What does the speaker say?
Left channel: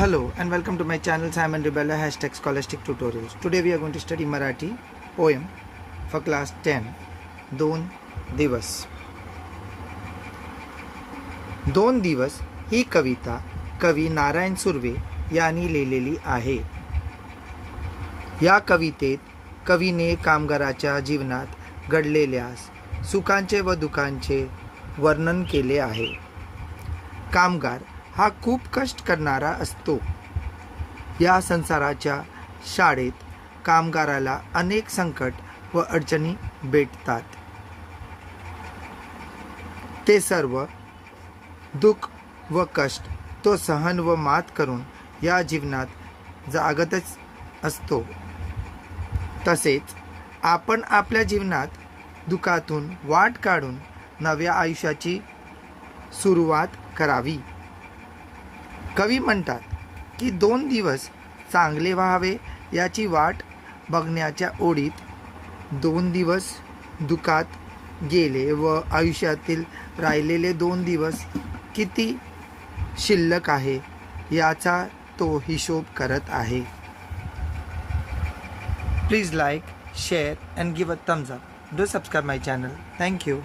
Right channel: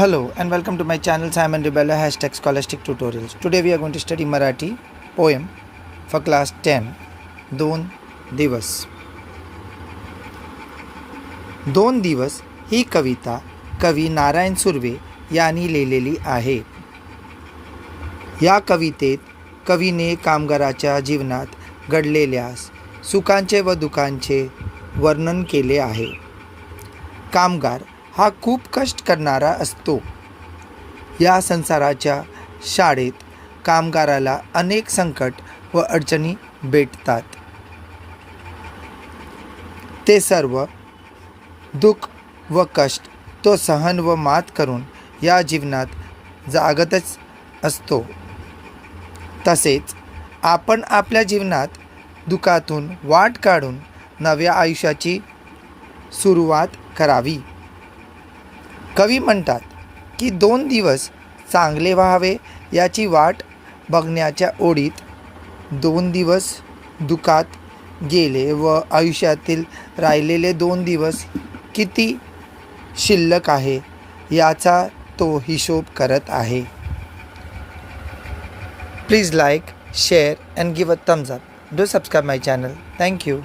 Hello and welcome to my channel Simon Rebella #scholastic tutorials. Today we are going to study Marathi poem for class 10. दोन दिवस. दोन दिवस ही कविता कवी नारायण सुर्वे यांनी लिहिलेली आहे. या कवितेत कवीने कामगाराच्या जीवनात घडलेल्या सुखांचे व दुःखांचे वर्णन केले आहे. कामगार हा खूप कष्ट करणारा असतो. या संसाराच्या शाळेत कामगाराला अनेक संकट व अडचणी भेटतात. ते सर्व दुःख व कष्ट तो सहन व मात करून या जीवनात जागतच असतो. तसेच आपण आपल्या जीवनात दुःखातून वाट काढून नव्या आयुष्याची सुरुवात करावी. कवी म्हणतात की 2 दिवस चांगले व्हावे याची वाट बघण्याच्या ओढीत 2 दिवस दुःखात गेले व आयुष्यातील राहिलेले 2 दिवस किती शिल्लक आहे याचा तो हिशोब करत आहे. Please like, share and give a thumbs up. Do subscribe my channel. Thank you.